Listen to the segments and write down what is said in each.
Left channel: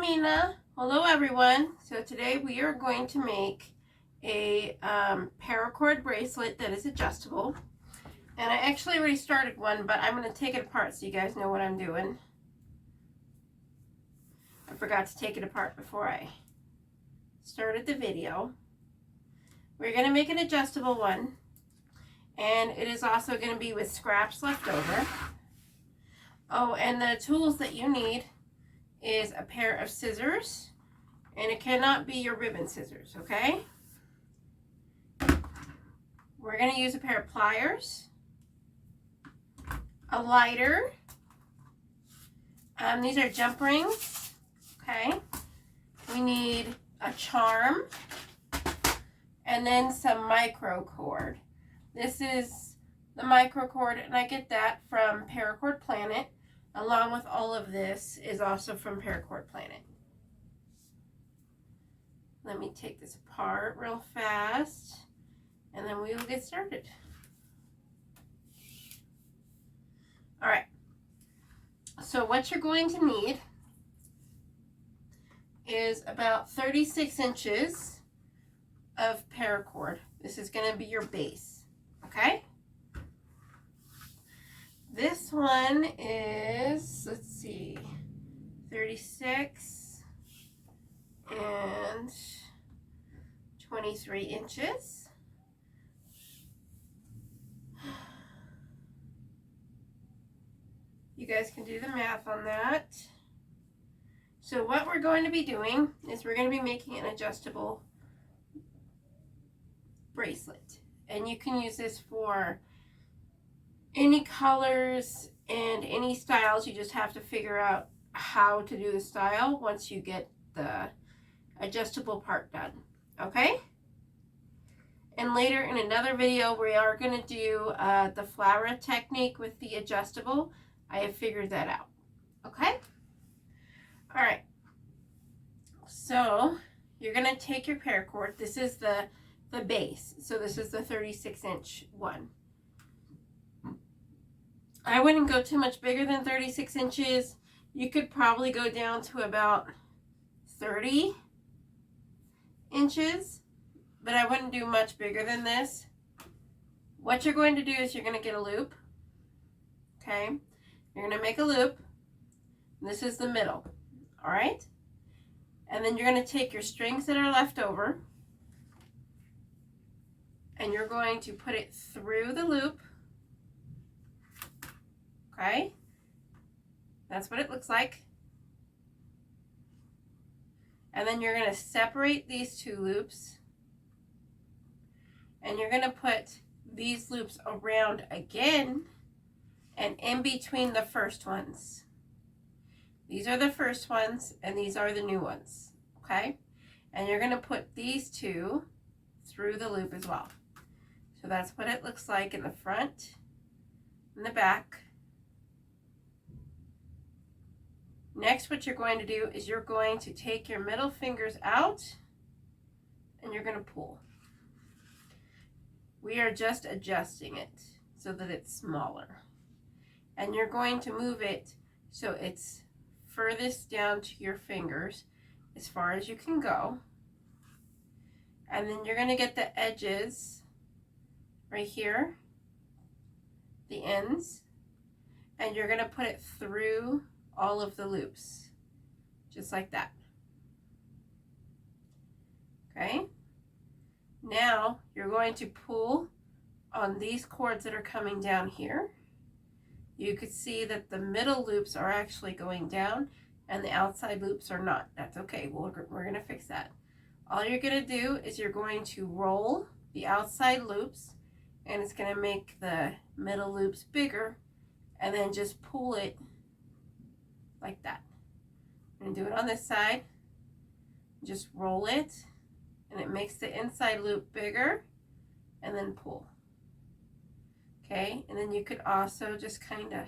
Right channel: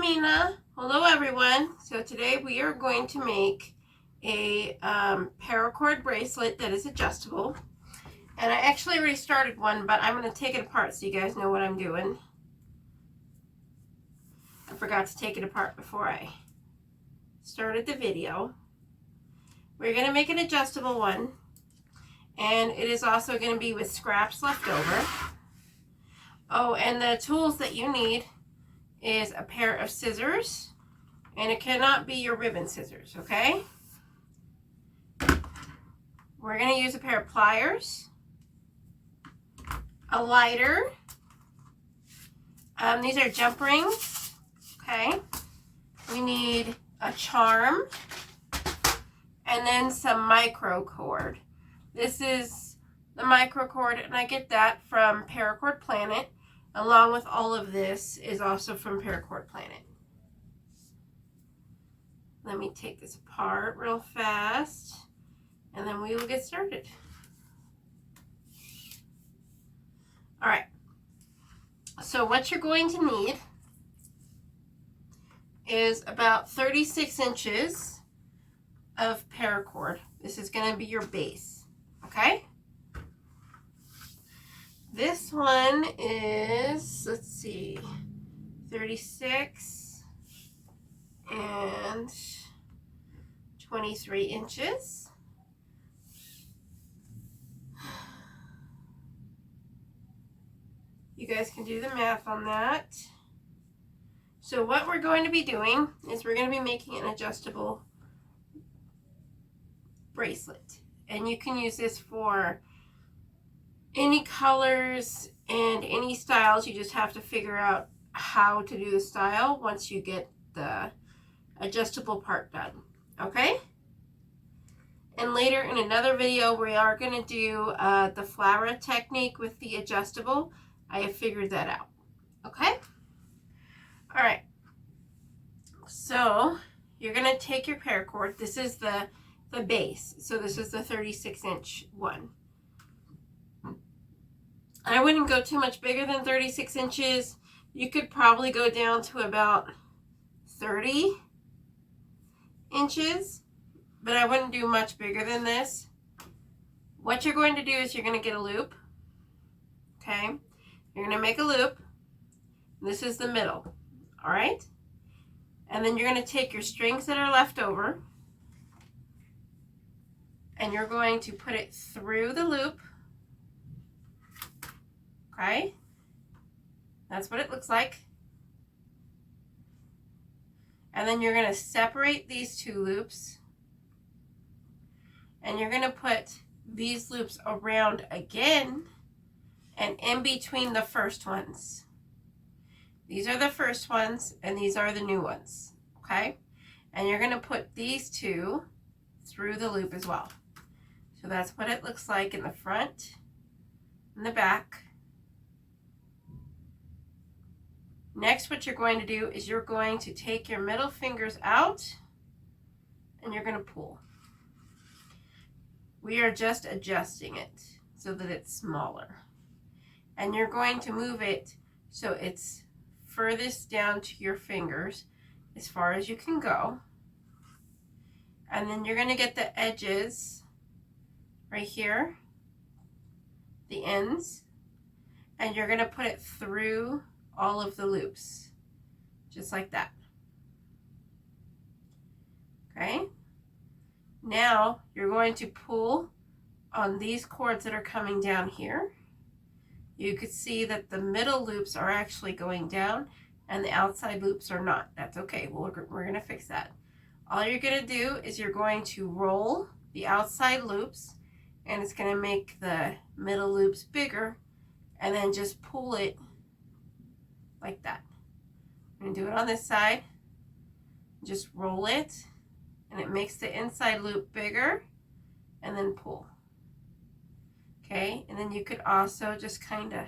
Hello, Mina. Hello, everyone. So today we are going to make a paracord bracelet that is adjustable. And I actually already started one, but I'm going to take it apart so you guys know what I'm doing. I forgot to take it apart before I started the video. We're going to make an adjustable one. And it is also going to be with scraps left over. Oh, and the tools that you need is a pair of scissors, and it cannot be your ribbon scissors, okay? We're going to use a pair of pliers, a lighter, these are jump rings, okay? We need a charm, and then some micro cord. This is the micro cord, and I get that from Paracord Planet. Along with all of this is also from Paracord Planet. Let me take this apart real fast, and then we will get started. All right, so what you're going to need is about 36 inches of paracord. This is going to be your base, okay? This one is, let's see, 36 and 23 inches. You guys can do the math on that. So what we're going to be doing is we're going to be making an adjustable bracelet. And you can use this for any colors and any styles. You just have to figure out how to do the style once you get the adjustable part done, okay? And later in another video we are going to do the flower technique with the adjustable. I have figured that out, okay? All right, so you're going to take your paracord. This is the base, so this is the 36-inch one. I wouldn't go too much bigger than 36 inches. You could probably go down to about 30 inches, but I wouldn't do much bigger than this. What you're going to do is you're going to get a loop, okay? You're going to make a loop. This is the middle, all right? And then you're going to take your strings that are left over, and you're going to put it through the loop. Okay, that's what it looks like. And then you're going to separate these two loops, and you're going to put these loops around again and in between the first ones. These are the first ones, and these are the new ones, okay? And you're going to put these two through the loop as well. So that's what it looks like in the front and the back. Next, what you're going to do is you're going to take your middle fingers out and you're going to pull. We are just adjusting it so that it's smaller. And you're going to move it so it's furthest down to your fingers as far as you can go. And then you're going to get the edges right here, the ends, and you're going to put it through all of the loops, just like that. Okay, now you're going to pull on these cords that are coming down here. You could see that the middle loops are actually going down and the outside loops are not. That's okay, we're going to fix that. All you're going to do is you're going to roll the outside loops, and it's going to make the middle loops bigger, and then just pull it like that. I'm going to do it on this side. Just roll it, and it makes the inside loop bigger, and then pull. Okay, and then you could also just kind of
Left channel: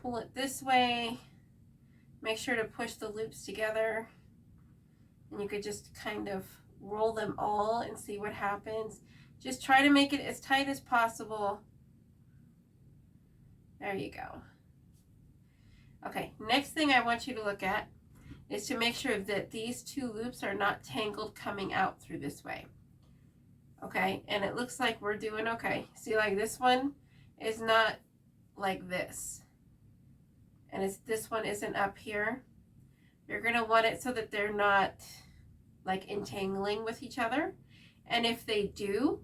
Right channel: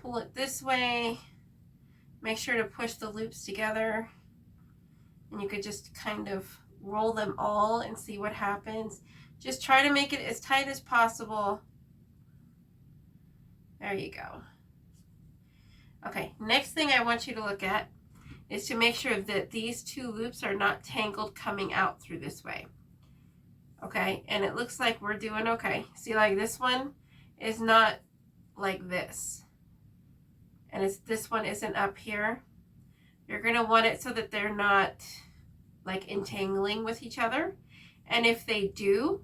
pull it this way. Make sure to push the loops together, and you could just kind of roll them all and see what happens. Just try to make it as tight as possible. There you go. Okay, next thing I want you to look at is to make sure that these two loops are not tangled coming out through this way. Okay, and it looks like we're doing okay. See, like this one is not like this, and this one isn't up here. You're gonna want it so that they're not like entangling with each other. And if they do,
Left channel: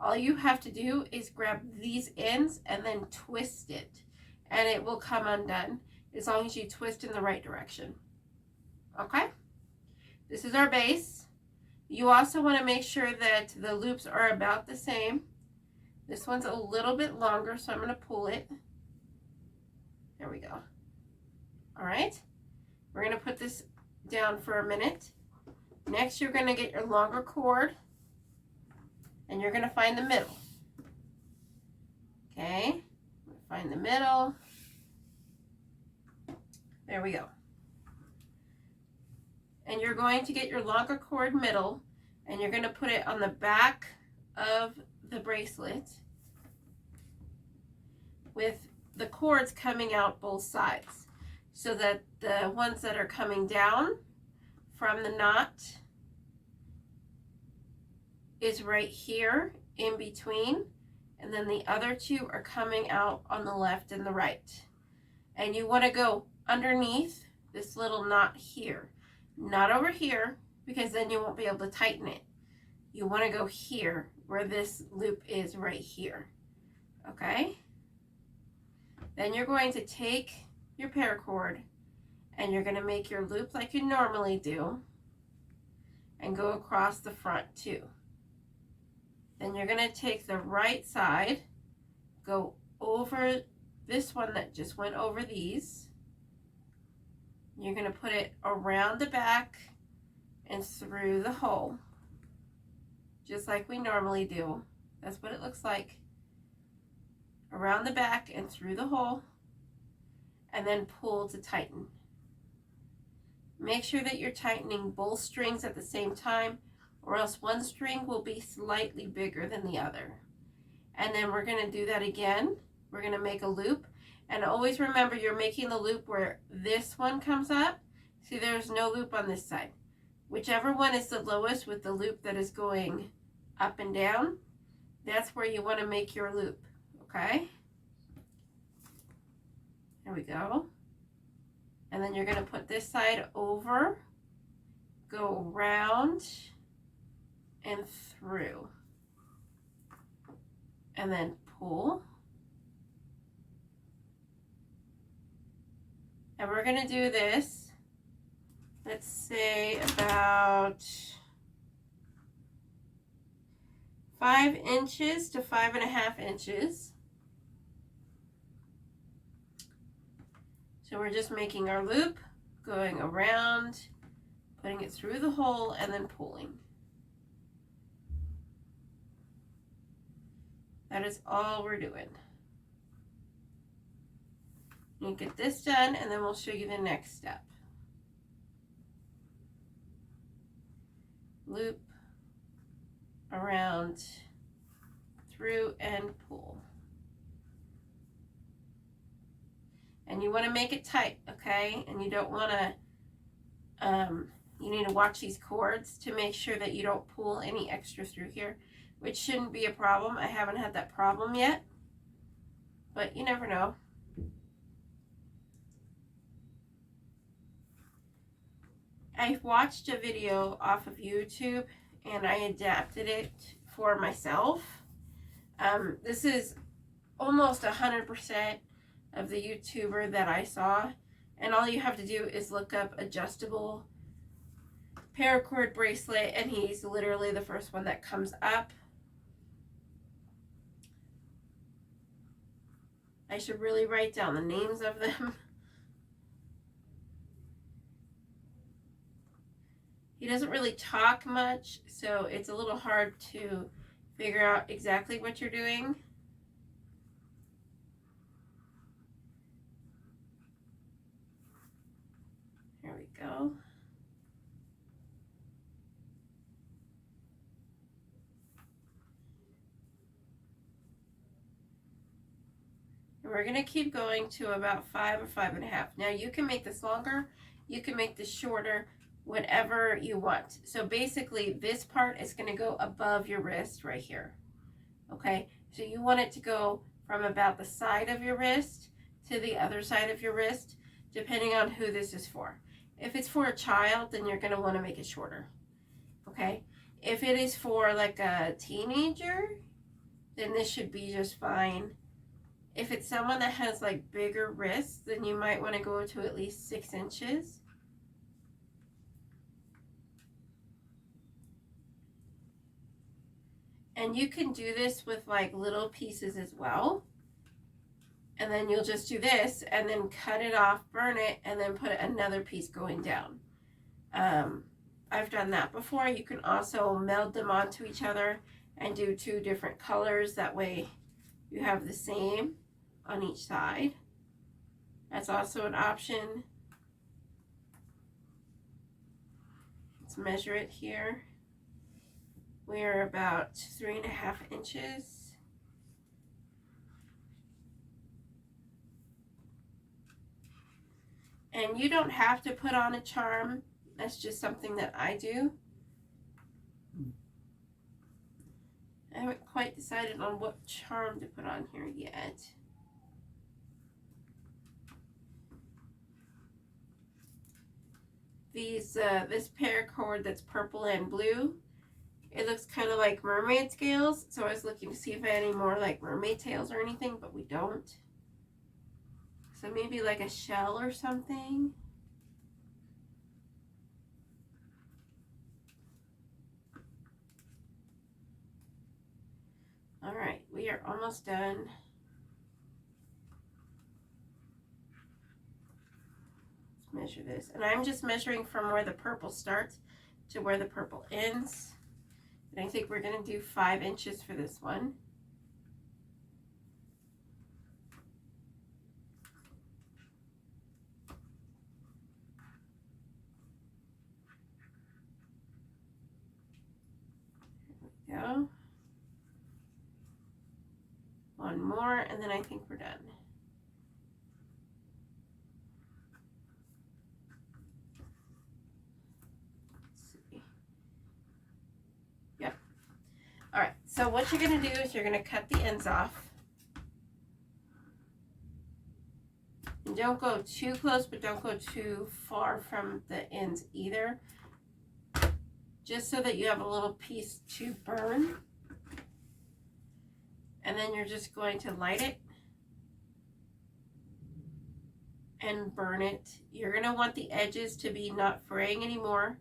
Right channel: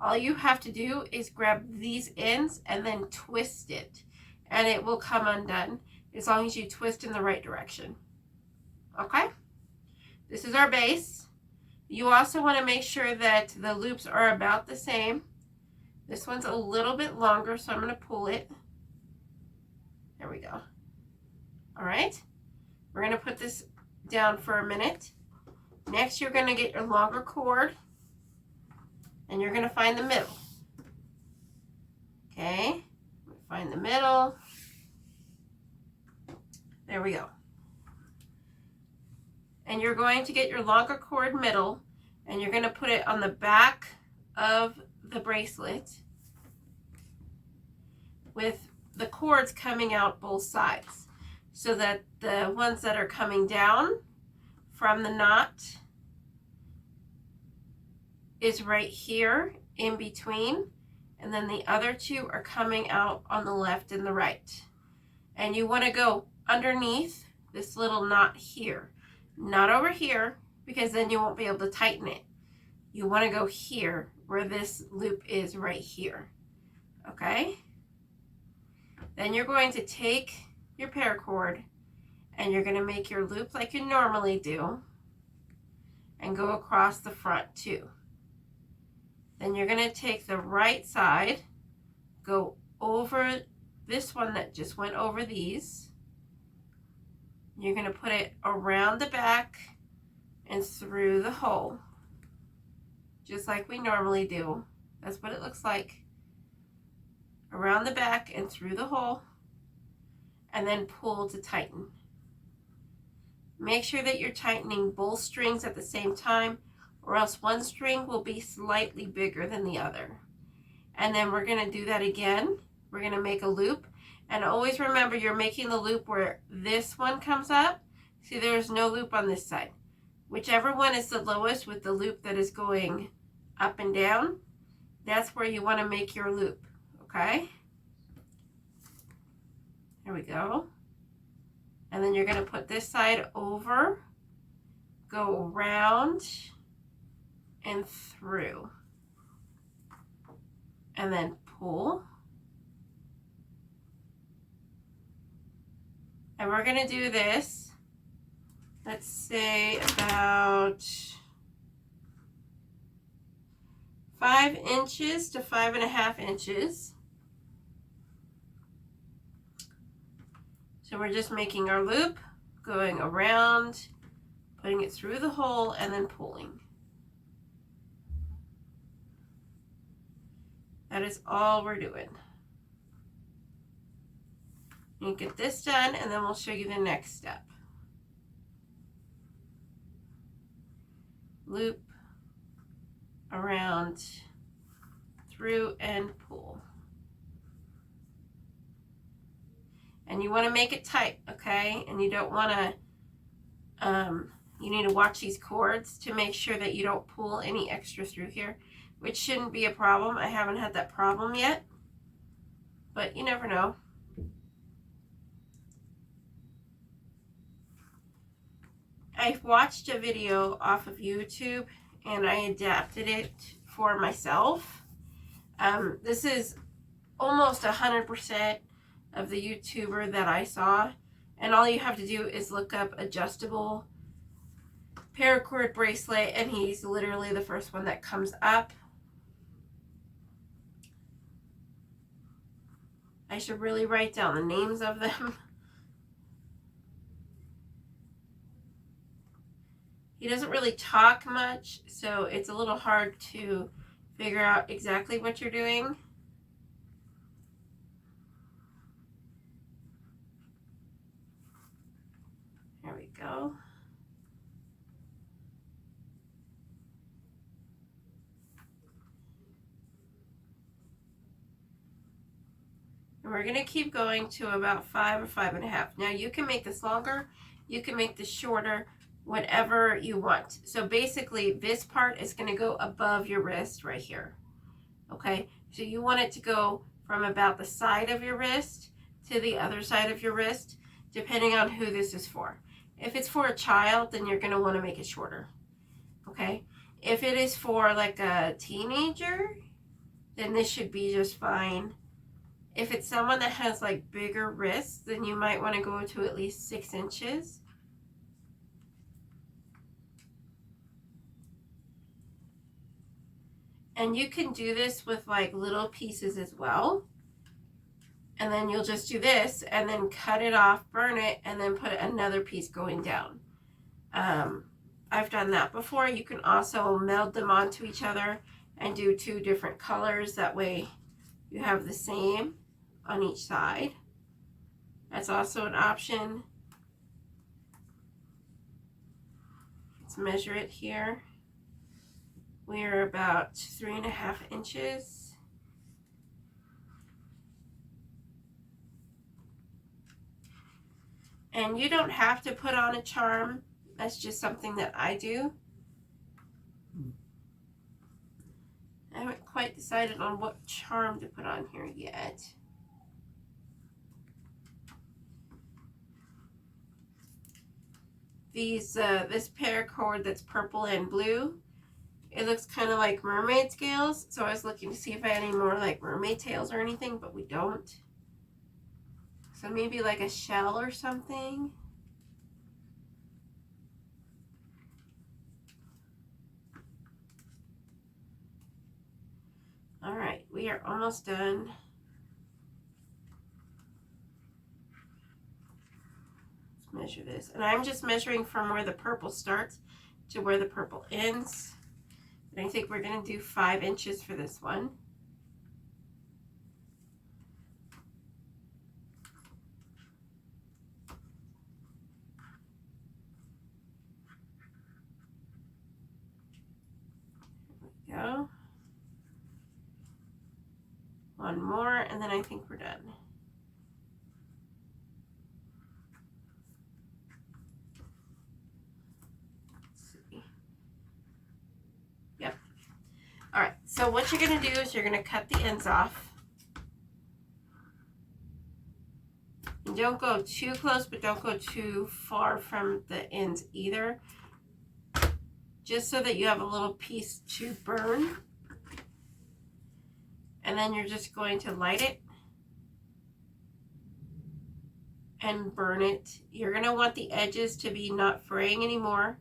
all you have to do is grab these ends and then twist it, and it will come undone as long as you twist in the right direction. Okay, this is our base. You also want to make sure that the loops are about the same. This one's a little bit longer, so I'm going to pull it. There we go. All right, we're going to put this down for a minute. Next, you're going to get your longer cord, and you're going to find the middle. Okay, find the middle. There we go. And you're going to get your longer cord middle, and you're going to put it on the back of the bracelet with the cords coming out both sides, so that the ones that are coming down from the knot is right here in between, and then the other two are coming out on the left and the right. And you want to go underneath this little knot here, not over here, because then you won't be able to tighten it. You want to go here where this loop is right here. Okay, then you're going to take your paracord and you're going to make your loop like you normally do and go across the front too. Then you're going to take the right side, go over this one that just went over these. You're going to put it around the back and through the hole, just like we normally do. That's what it looks like. Around the back and through the hole, and then pull to tighten. Make sure that you're tightening both strings at the same time, or else one string will be slightly bigger than the other. And then we're going to do that again. We're going to make a loop, and always remember you're making the loop where this one comes up. See, there's no loop on this side. Whichever one is the lowest with the loop that is going up and down, that's where you want to make your loop. Okay, there we go. And then you're going to put this side over, go around and through, and then pull. And we're going to do this, let's say about 5 inches to 5.5 inches. So we're just making our loop, going around, putting it through the hole, and then pulling. That is all we're doing. You get this done, and then we'll show you the next step. Loop, around, through, and pull. And you want to make it tight, okay? And you don't want to, you need to watch these cords to make sure that you don't pull any extra through here, which shouldn't be a problem. I haven't had that problem yet, but you never know. I watched a video off of YouTube and I adapted it for myself. This is almost 100% of the YouTuber that I saw, and all you have to do is look up adjustable paracord bracelet, and he's literally the first one that comes up. I should really write down the names of them. He doesn't really talk much, so it's a little hard to figure out exactly what you're doing. There we go. And we're going to keep going to about 5 or 5.5. Now you can make this longer you can make this shorter, whatever you want. So basically this part is going to go above your wrist right here. Okay, so you want it to go from about the side of your wrist to the other side of your wrist, depending on who this is for. If it's for a child, then you're going to want to make it shorter. Okay, if it is for like a teenager, then this should be just fine. If it's someone that has like bigger wrists, then you might want to go to at least 6 inches. And you can do this with like little pieces as well. And then you'll just do this and then cut it off, burn it, and then put another piece going down. I've done that before. You can also meld them onto each other and do 2 different colors. That way you have the same on each side. That's also an option. Let's measure it here. We are about 3.5 inches. And you don't have to put on a charm. That's just something that I do. I haven't quite decided on what charm to put on here yet. This paracord that's purple and blue, it looks kind of like mermaid scales, so I was looking to see if I had any more like mermaid tails or anything, but we don't. So maybe like a shell or something. All right, we are almost done. Let's measure this. And I'm just measuring from where the purple starts to where the purple ends. And I think we're going to do 5 inches for this one. There we go. One more, and then I think we're done. Let's see. Yep. All right, so what you're going to do is you're going to cut the ends off. And don't go too close, but don't go too far from the ends either. Just so that you have a little piece to burn. And then you're just going to light it and burn it. You're going to want the edges to be not fraying anymore.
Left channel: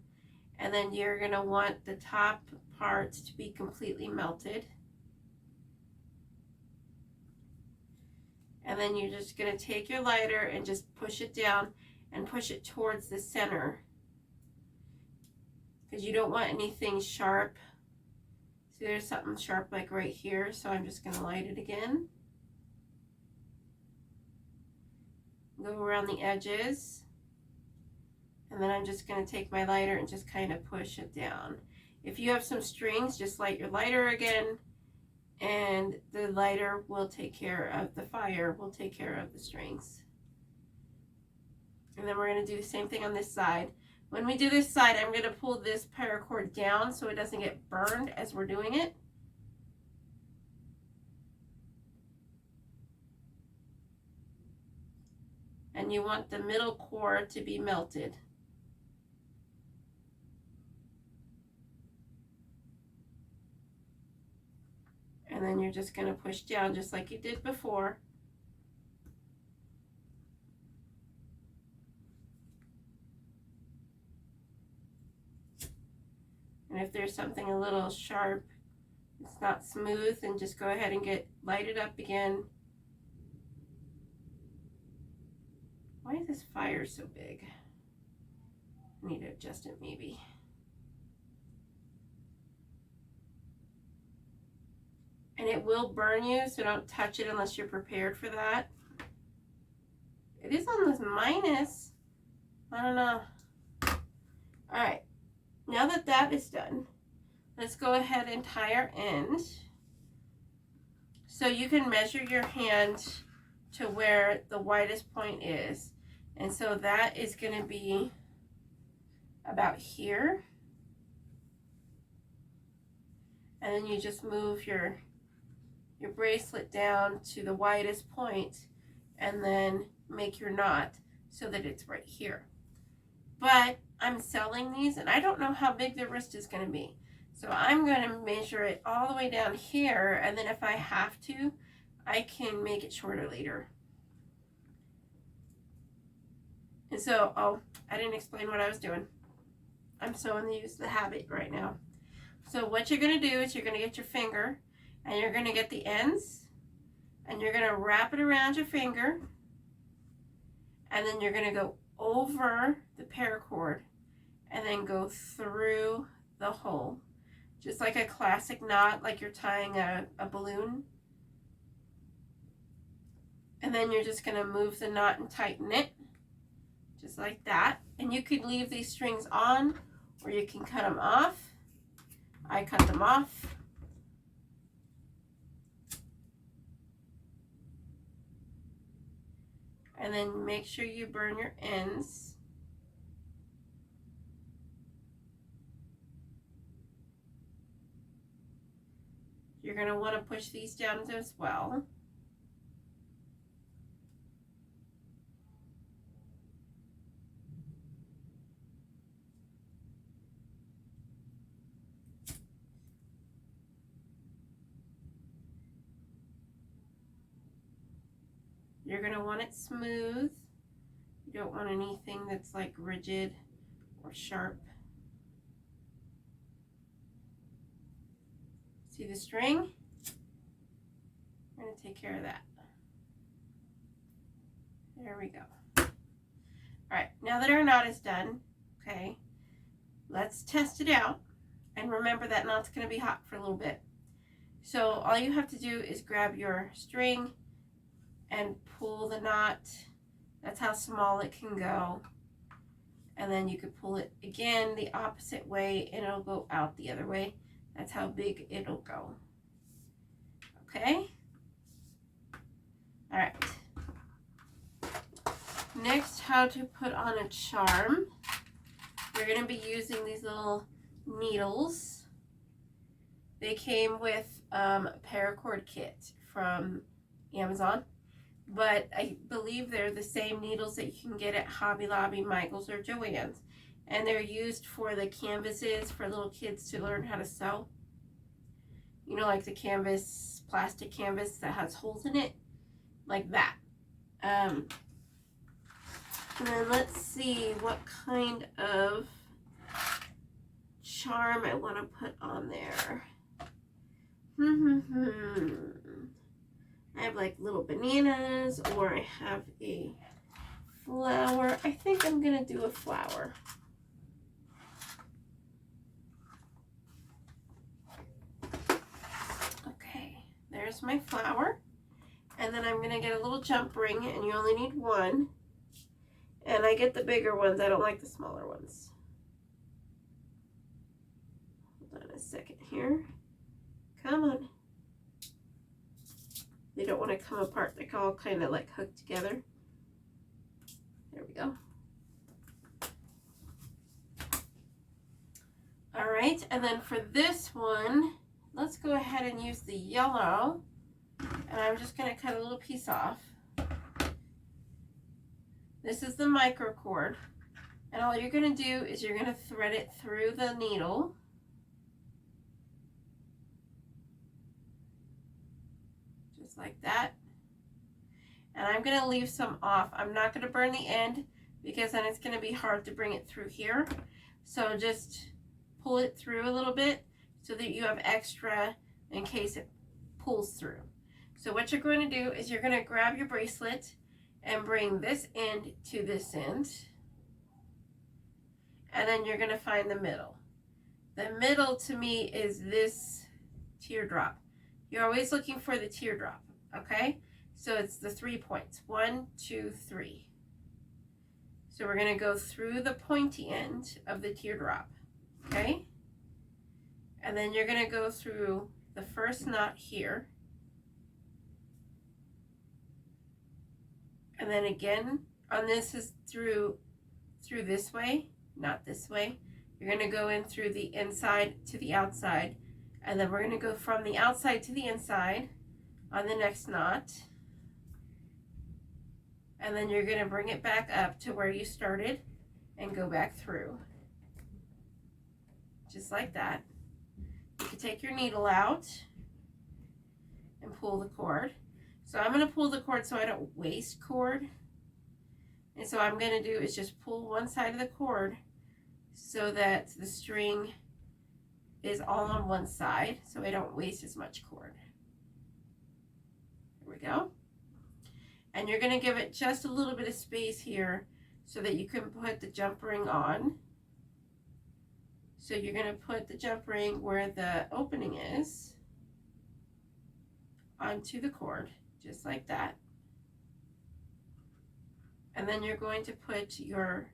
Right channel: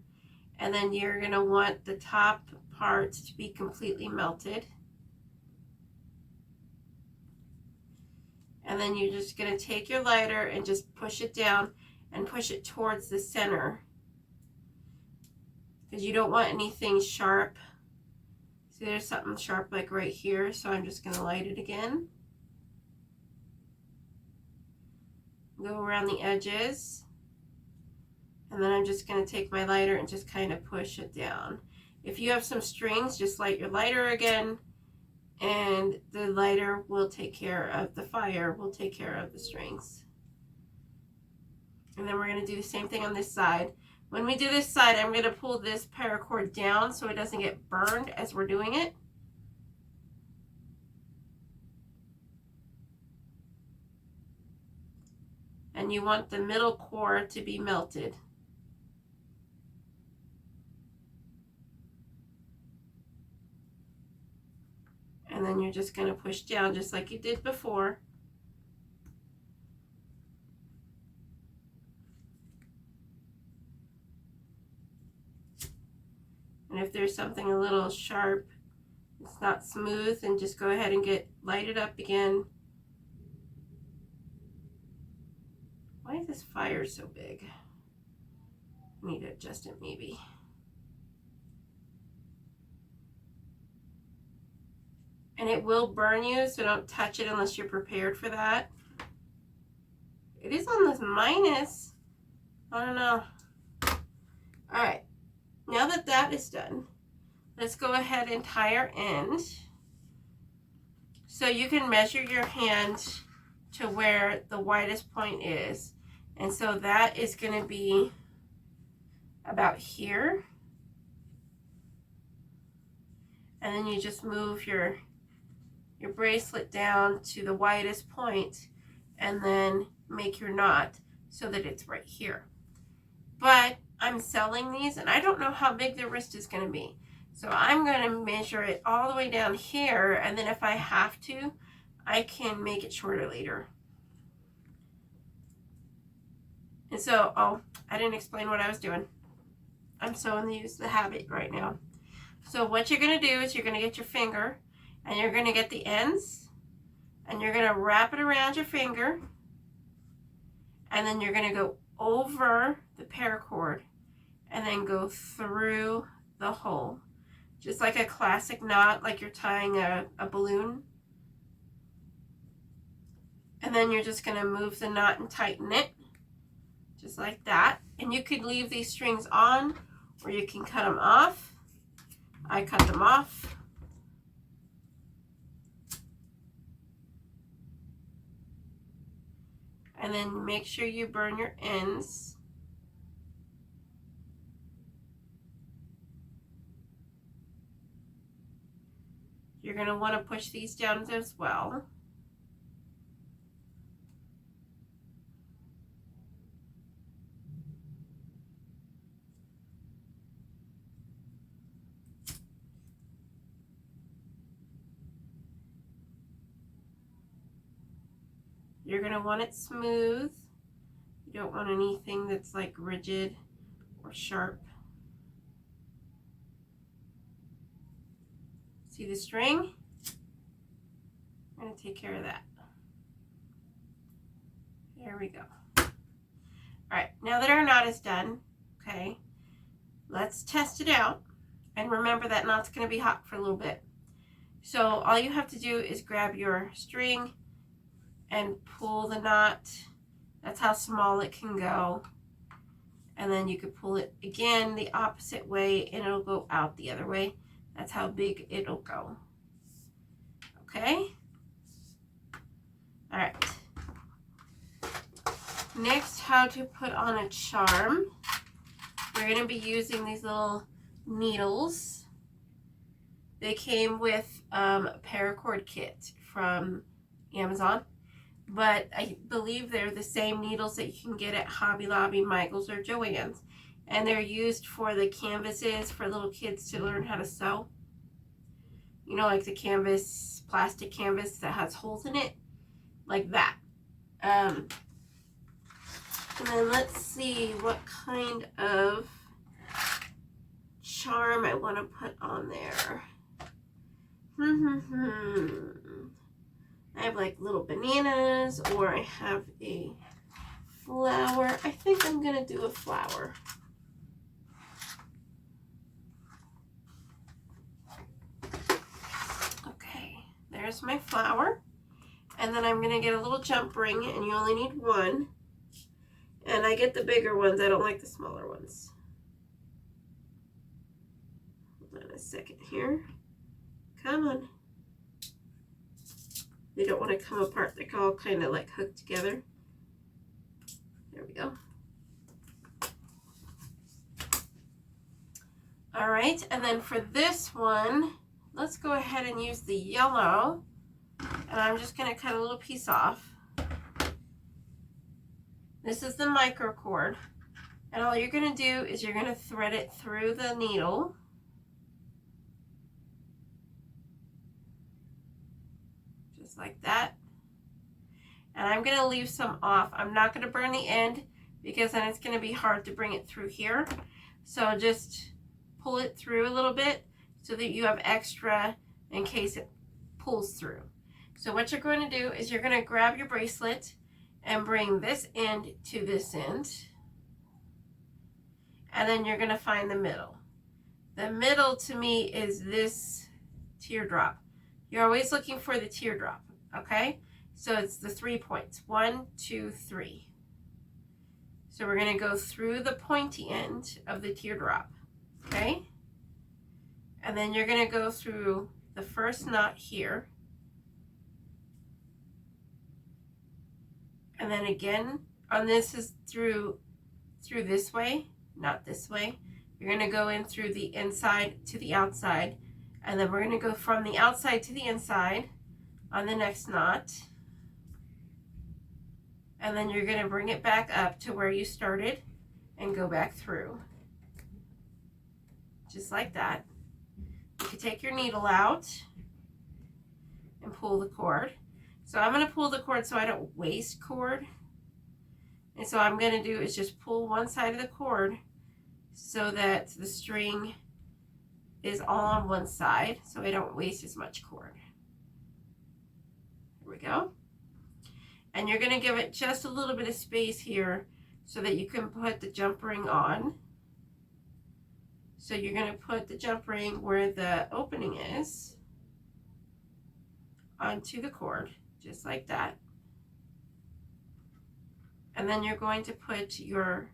And then you're going to want the top parts to be completely melted. And then you're just going to take your lighter and just push it down and push it towards the center. Because you don't want anything sharp. See, there's something sharp like right here, so I'm just going to light it again. Go around the edges. And then I'm just going to take my lighter and just kind of push it down. If you have some strings, just light your lighter again, and the lighter will take care of the fire, will take care of the strings. And then we're going to do the same thing on this side. When we do this side, I'm going to pull this paracord down so it doesn't get burned as we're doing it. And you want the middle core to be melted. And then you're just going to push down just like you did before. And if there's something a little sharp, it's not smooth, then just go ahead and light it up again. Why is this fire so big? I need to adjust it maybe. And it will burn you, so don't touch it unless you're prepared for that. It is on this minus. I don't know. All right. Now that that is done, let's go ahead and tie our end. So you can measure your hand to where the widest point is. And so that is going to be about here. And then you just move your bracelet down to the widest point and then make your knot so that it's right here. But I'm selling these and I don't know how big the wrist is going to be. So I'm going to measure it all the way down here, and then if I have to, I can make it shorter later. And so, oh, I didn't explain what I was doing. I'm sewing the habit right now. So what you're going to do is you're going to get your finger and you're going to get the ends and you're going to wrap it around your finger, and then you're going to go over the paracord and then go through the hole. Just like a classic knot, like you're tying a balloon. And then you're just going to move the knot and tighten it, just like that. And you could leave these strings on, or you can cut them off. I cut them off. And then make sure you burn your ends. You're going to want to push these down as well. You're going to want it smooth. You don't want anything that's like rigid or sharp. See the string? I'm going to take care of that. There we go. All right, now that our knot is done, okay, let's test it out. And remember that knot's going to be hot for a little bit. So all you have to do is grab your string and pull the knot. That's how small it can go. And then you could pull it again the opposite way and it'll go out the other way. That's how big it'll go. Okay? All right. Next, how to put on a charm. We're going to be using these little needles. They came with a paracord kit from Amazon, but I believe they're the same needles that you can get at Hobby Lobby, Michael's, or Joann's. And they're used for the canvases for little kids to learn how to sew. You know, like the canvas, plastic canvas that has holes in it, like that. And then let's see what kind of charm I want to put on there. I have like little bananas, or I have a flower. I think I'm going to do a flower. Okay, there's my flower. And then I'm going to get a little jump ring, and you only need one. And I get the bigger ones. I don't like the smaller ones. Hold on a second here. Come on. They don't want to come apart. They're all kind of like hooked together. There we go. All right, and then for this one, let's go ahead and use the yellow. And I'm just going to cut a little piece off. This is the microcord. And all you're going to do is you're going to thread it through the needle. Just like that. And I'm going to leave some off. I'm not going to burn the end because then it's going to be hard to bring it through here. So just pull it through a little bit so that you have extra in case it pulls through. So what you're going to do is you're going to grab your bracelet and bring this end to this end. And then you're going to find the middle. The middle to me is this teardrop. You're always looking for the teardrop, okay? So it's the 3 points. 1, 2, 3. So we're going to go through the pointy end of the teardrop, okay? And then you're going to go through the first knot here. And then again, on this is through this way, not this way. You're going to go in through the inside to the outside, and then we're going to go from the outside to the inside on the next knot, and then you're going to bring it back up to where you started and go back through, just like that. You can take your needle out and pull the cord. So I'm going to pull the cord so I don't waste cord. And so I'm going to do is just pull one side of the cord so that the string is all on one side so I don't waste as much cord. There we go. And you're going to give it just a little bit of space here so that you can put the jump ring on. So you're going to put the jump ring where the opening is onto the cord, just like that. And then you're going to put your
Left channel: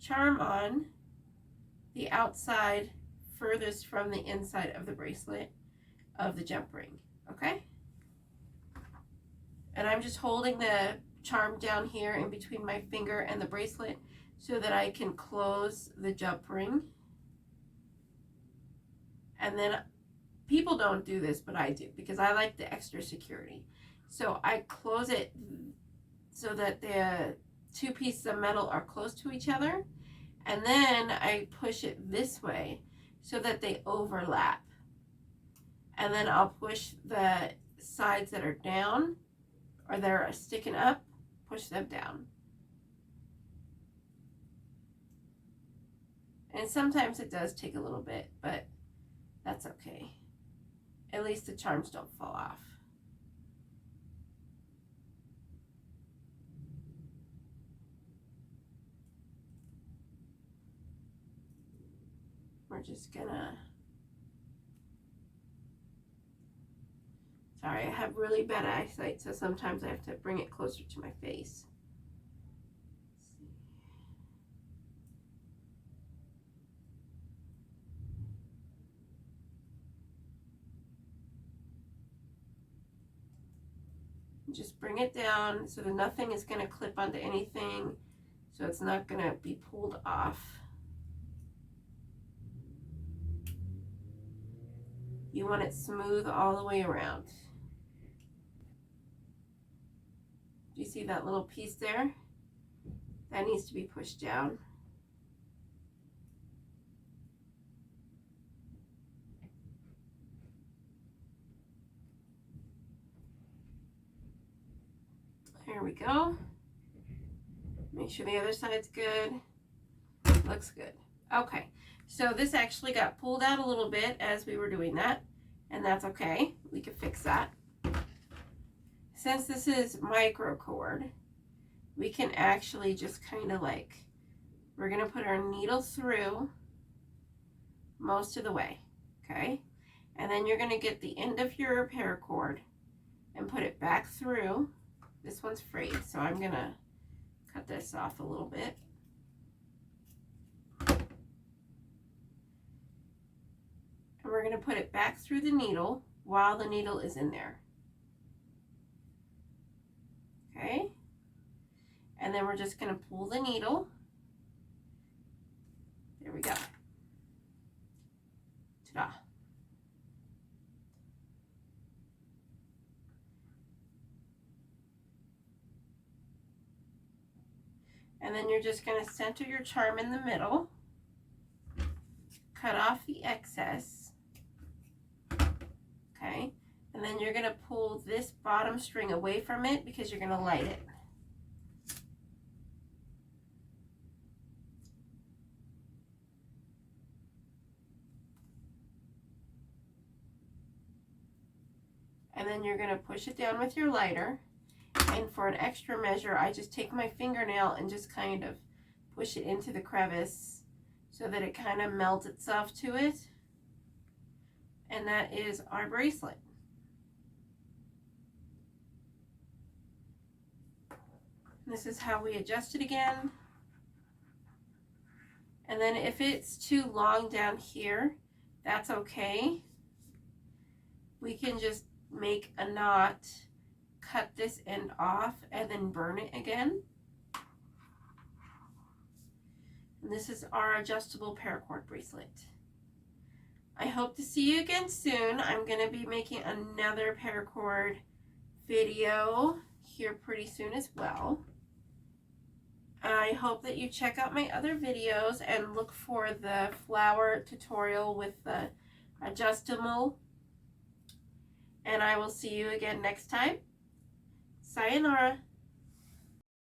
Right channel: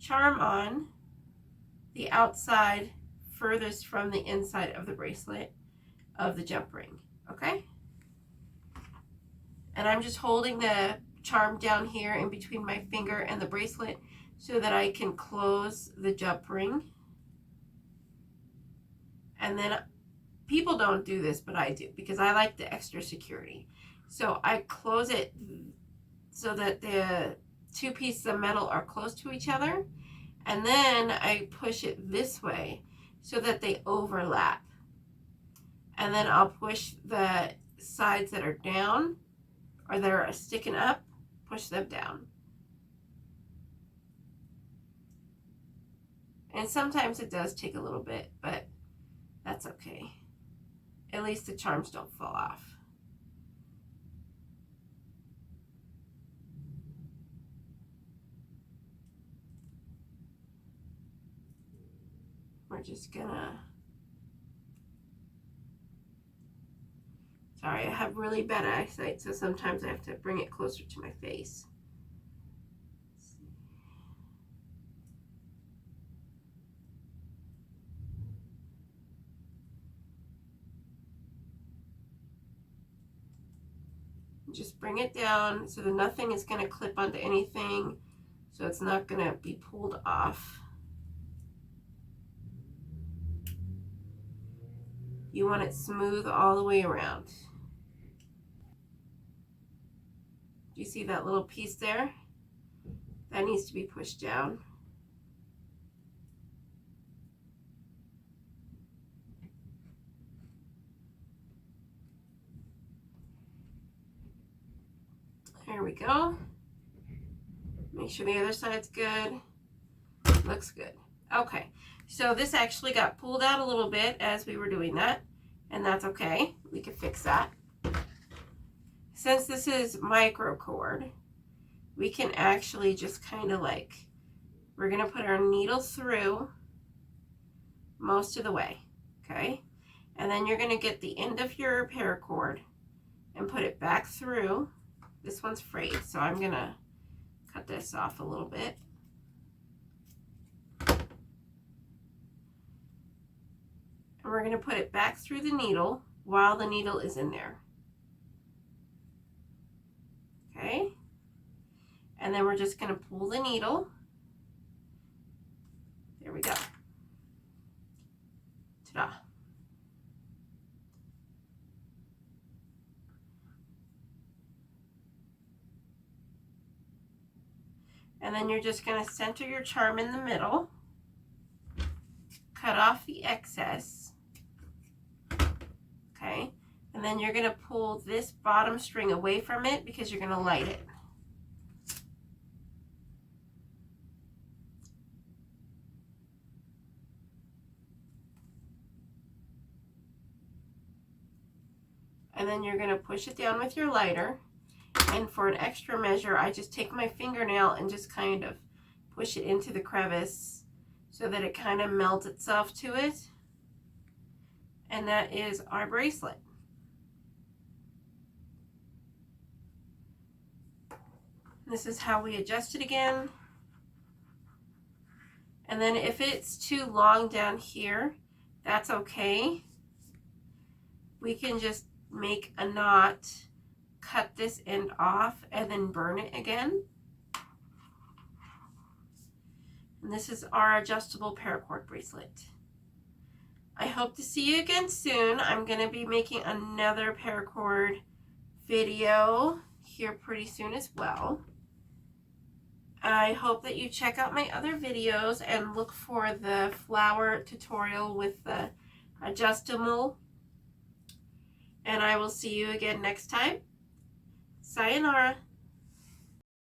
charm on the outside furthest from the inside of the bracelet of the jump ring, okay? And I'm just holding the charm down here in between my finger and the bracelet so that I can close the jump ring. And then people don't do this, but I do because I like the extra security. So I close it so that the two pieces of metal are close to each other, and then I push it this way so that they overlap, and then I'll push the sides that are down or that are sticking up, push them down. And sometimes it does take a little bit, but that's okay. At least the charms don't fall off. We're just gonna, sorry, I have really bad eyesight, so sometimes I have to bring it closer to my face. Just bring it down so that nothing is going to clip onto anything, so it's not going to be pulled off. You want it smooth all the way around. Do you see that little piece there? That needs to be pushed down. There we go. Make sure the other side's good. Looks good. Okay, so this actually got pulled out a little bit as we were doing that, and that's okay. We can fix that. Since this is micro cord, we can actually just kind of like, we're gonna put our needle through most of the way, okay? And then you're gonna get the end of your paracord and put it back through. This one's frayed, so I'm gonna cut this off a little bit. And we're gonna put it back through the needle while the needle is in there. Okay? And then we're just gonna pull the needle. There we go. Ta-da. And then you're just going to center your charm in the middle, cut off the excess, okay? And then you're going to pull this bottom string away from it because you're going to light it. And then you're going to push it down with your lighter. And for an extra measure, I just take my fingernail and just kind of push it into the crevice so that it kind of melts itself to it. And that is our bracelet. This is how we adjust it again. And then if it's too long down here, that's okay. We can just make a knot, cut this end off, and then burn it again. And this is our adjustable paracord bracelet. I hope to see you again soon. I'm going to be making another paracord video here pretty soon as well. I hope that you check out my other videos and look for the flower tutorial with the adjustable. And I will see you again next time. Sayonara.